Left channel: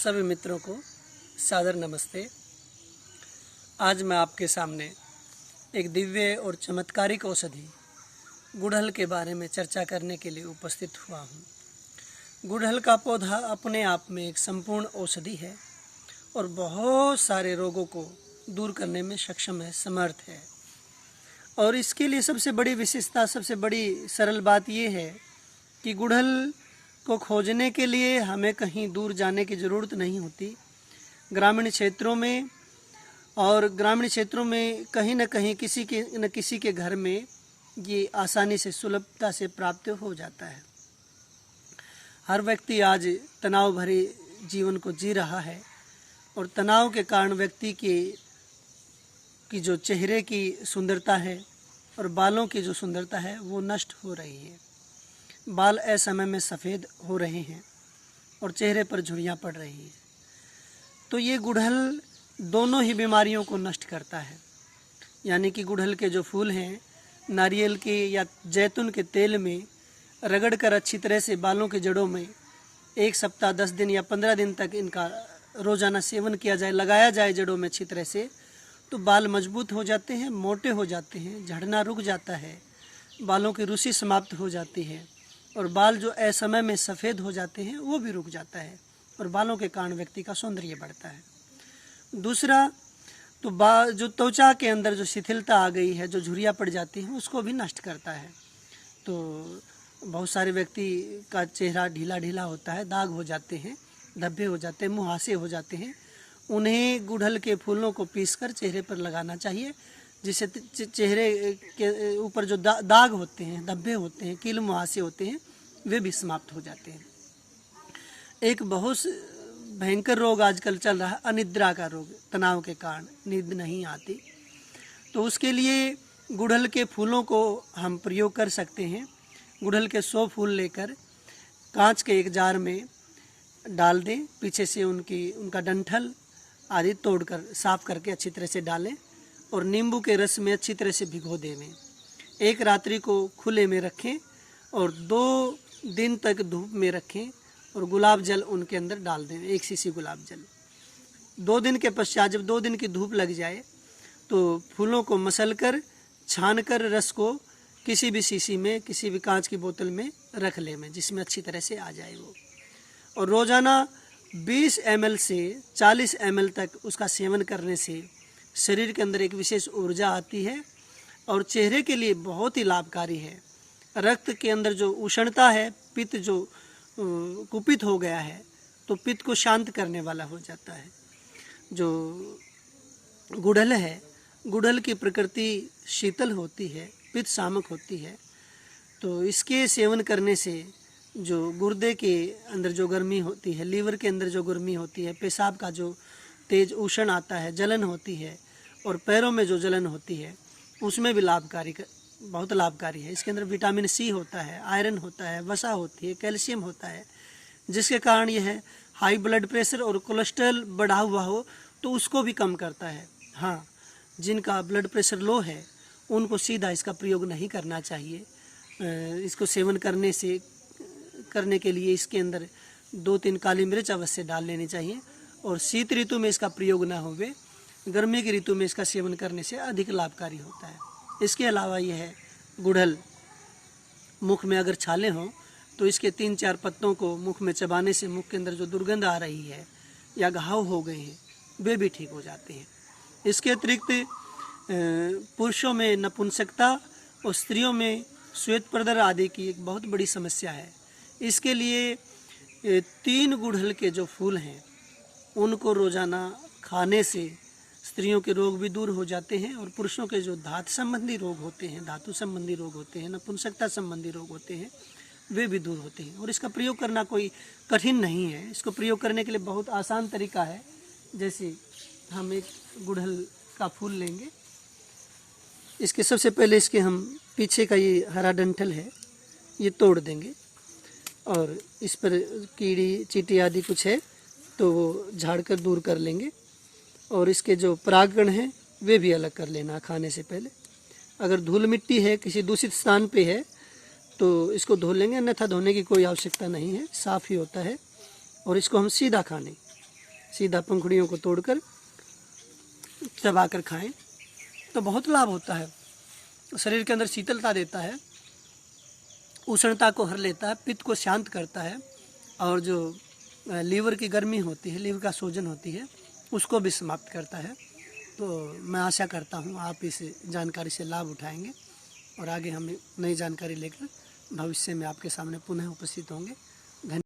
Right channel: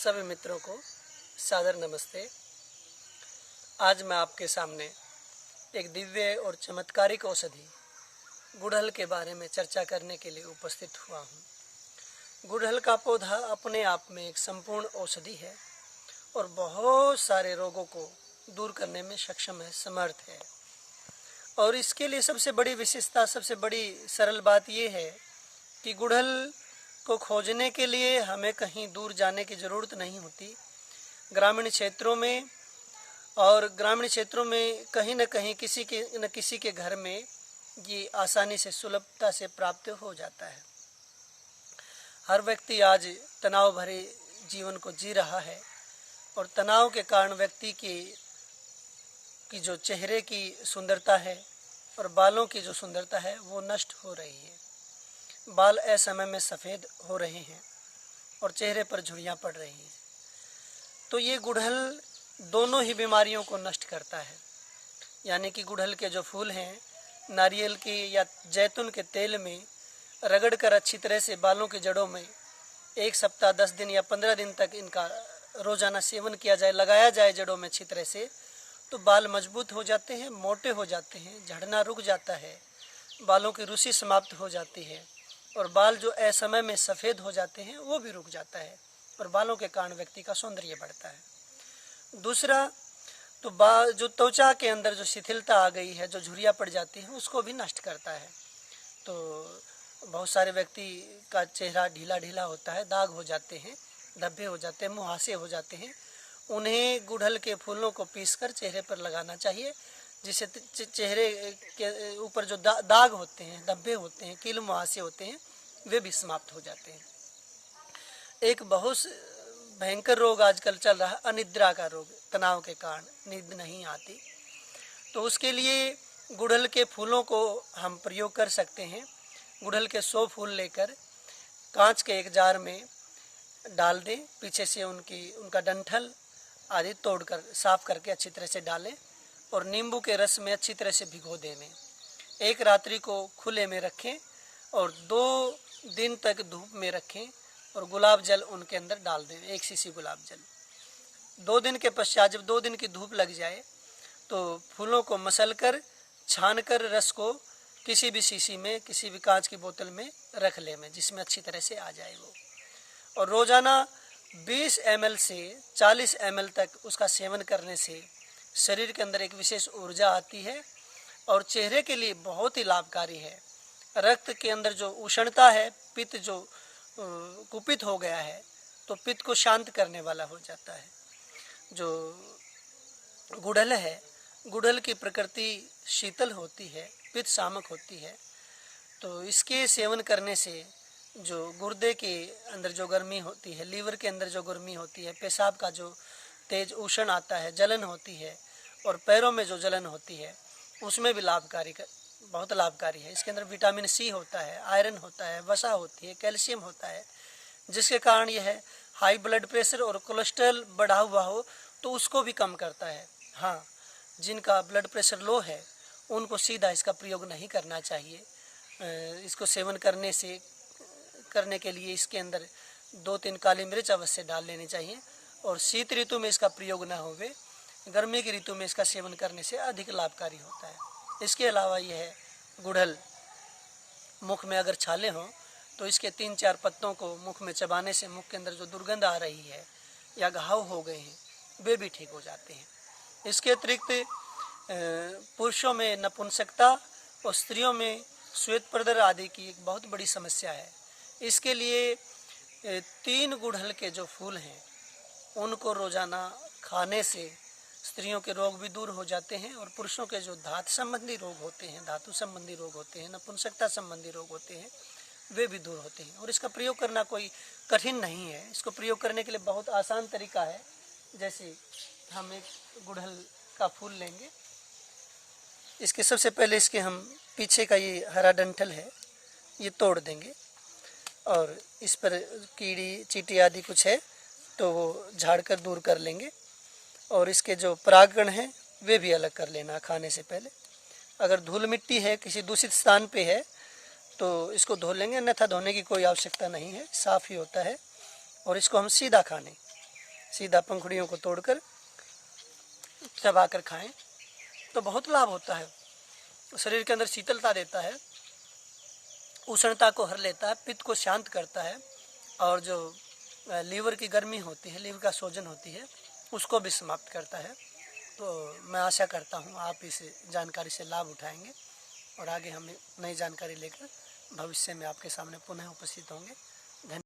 सभी मित्रों को सादर नमस्ते। आज मैं आपके सामने एक दिव्य और चमत्कारिक औषधि गुड़हल के बारे में चर्चा करने के लिए उपस्थित हुआ हूँ। गुड़हल का पौधा अपने आप में एक संपूर्ण औषधि है और बहुत सारे रोगों को दूर करने में सक्षम है, समर्थ है। और इसके लिए सबसे बड़ी विशेषता, सबसे बड़ी सरल बात यह है कि गुड़हल को खोजने के लिए हमें कहीं दूर जाने की ज़रूरत नहीं होती। ग्रामीण क्षेत्रों में कहीं न कहीं किसी के घर में ये आसानी से, सुलभता से प्राप्त हो जाता है। हर व्यक्ति आज तनाव भरे जीवन को जी रहा है और तनाव के कारण व्यक्ति की जो चेहरे की सुंदरता है और बालों की जो सुंदरता है वो नष्ट हो रही है। बाल असमय में सफ़ेद हो रहे हैं और चेहरे पर झुर्रियाँ पड़ रही हैं। तो ये गुड़हल दोनों ही बीमारियों को नष्ट करता है। यानी कि गुड़हल के जो फूल हैं, नारियल के या जैतून के तेल में रगड़कर अच्छी तरह से बालों की जड़ों में 1 सप्ताह, 10 दिन या 15 दिन तक इनका रोज़ाना सेवन किया जाए, लगाया जाए जड़ों में अच्छी तरह से, तो बाल मजबूत हो जाते हैं, मोटे हो जाते हैं, झड़ना रुक जाता है, बालों की रूसी समाप्त हो जाती है और बाल जो असमय में सफ़ेद हो जाते हैं वो भी रुक जाता है और बालों के कारण व्यक्ति का सौंदर्य बढ़ता है। दूसरा, तो जो त्वचा के अंदर जो शिथिलता आ गई है, जो झुर्रियाँ पड़ जाती हैं, उसको भी नष्ट करता है। तो बहुत सारे व्यक्ति का चेहरा ढीला ढीला होता है, दाग हो जाते हैं, धब्बे हो जाते हैं, मुहासे हो जाते हैं। उन्हें गुड़हल के फूलों को पीसकर चेहरे पर लगाना चाहिए, जिससे चेहरे के ऊपर जो दाग होते हैं, धब्बे होते हैं, कील मुहासे होते हैं, वे भी समाप्त हो जाते हैं। एक बहुत भयंकर रोग आजकल चल रहा है, अनिद्रा का रोग। तनाव के कारण नींद नहीं आती, तो उसके लिए गुड़हल के फूलों को हम प्रयोग कर सकते हैं। गुड़हल के 100 फूल लेकर कांच के एक जार में डाल दें, पीछे से उनका डंठल आदि तोड़कर साफ करके अच्छी तरह से डालें और नींबू के रस में अच्छी तरह से भिगो दें। एक रात्रि को खुले में रखें और 2 दिन तक धूप में रखें और गुलाब जल उनके अंदर डाल दें, 1 सीसी गुलाब जल। 2 दिन के पश्चात जब 2 दिन की धूप लग जाए तो फूलों को मसलकर, छानकर रस को किसी भी शीशी में, किसी भी कांच की बोतल में रख लें, जिसमें अच्छी तरह से आ जाए वो। और रोज़ाना 20 ml से 40 ml तक उसका सेवन करने से शरीर के अंदर एक विशेष ऊर्जा आती है और चेहरे के लिए बहुत ही लाभकारी है। रक्त के अंदर जो उष्णता है, पित्त जो कुपित हो गया है, तो पित्त को शांत करने वाला हो जाता है। जो गुड़हल है, गुड़हल की प्रकृति शीतल होती है, पित्त शामक होती है, तो इसके सेवन करने से जो गुर्दे के अंदर जो गर्मी होती है, लीवर के अंदर जो गर्मी होती है, पेशाब का जो तेज उष्ण आता है, जलन होती है और पैरों में जो जलन होती है, उसमें भी बहुत लाभकारी है। इसके अंदर विटामिन सी होता है, आयरन होता है, वसा होती है, कैल्शियम होता है, जिसके कारण यह हाई ब्लड प्रेशर और कोलेस्ट्रॉल बढ़ा हुआ हो तो उसको भी कम करता है। हाँ, जिनका ब्लड प्रेशर लो है उनको सीधा इसका प्रयोग नहीं करना चाहिए। इसको सेवन करने के लिए इसके अंदर 2-3 काली मिर्च अवश्य डाल लेनी चाहिए और शीत ऋतु में इसका प्रयोग ना होवे, गर्मी की ऋतु में इसका सेवन करने से अधिक लाभकारी होता है। इसके अलावा यह है गुड़हल, मुख में अगर छाले हों तो इसके 3-4 पत्तों को मुख में चबाने से मुख के अंदर जो दुर्गंध आ रही है या घाव हो गए हैं वे भी ठीक हो जाते हैं। इसके अतिरिक्त पुरुषों में नपुंसकता और स्त्रियों में श्वेत प्रदर आदि की एक बहुत बड़ी समस्या है। इसके लिए 3 गुड़हल के जो फूल हैं उनको रोज़ाना खाने से स्त्रियों के रोग भी दूर हो जाते हैं और पुरुषों के जो धातु संबंधी रोग होते हैं, नपुंसकता संबंधी रोग होते हैं, वे भी दूर होते हैं। और इसका प्रयोग करना कोई कठिन नहीं है। इसको प्रयोग करने के लिए बहुत आसान तरीका है। जैसे हम एक गुड़हल का फूल लेंगे, इसके सबसे पहले इसके हम पीछे का ये हरा डंठल है ये तोड़ देंगे और इस पर कीड़ी चींटी आदि कुछ है तो वो झाड़ कर दूर कर लेंगे और इसके जो परागकण हैं वे भी अलग कर लेना खाने से पहले। अगर धूल मिट्टी है, किसी दूषित स्थान पे है तो इसको धो लेंगे, अन्यथा धोने की कोई आवश्यकता नहीं है, साफ़ ही होता है। और इसको हम सीधा खा लें, सीधा पंखुड़ियों को तोड़कर चबाकर खाएं तो बहुत लाभ होता है। शरीर के अंदर शीतलता देता है, उष्णता को हर लेता है, पित्त को शांत करता है और जो लीवर की गर्मी होती है, लीवर का सूजन होती है, उसको भी समाप्त करता है। तो मैं आशा करता हूँ आप इस जानकारी से लाभ उठाएंगे और आगे हम नई जानकारी लेकर भविष्य में आपके सामने पुनः उपस्थित होंगे।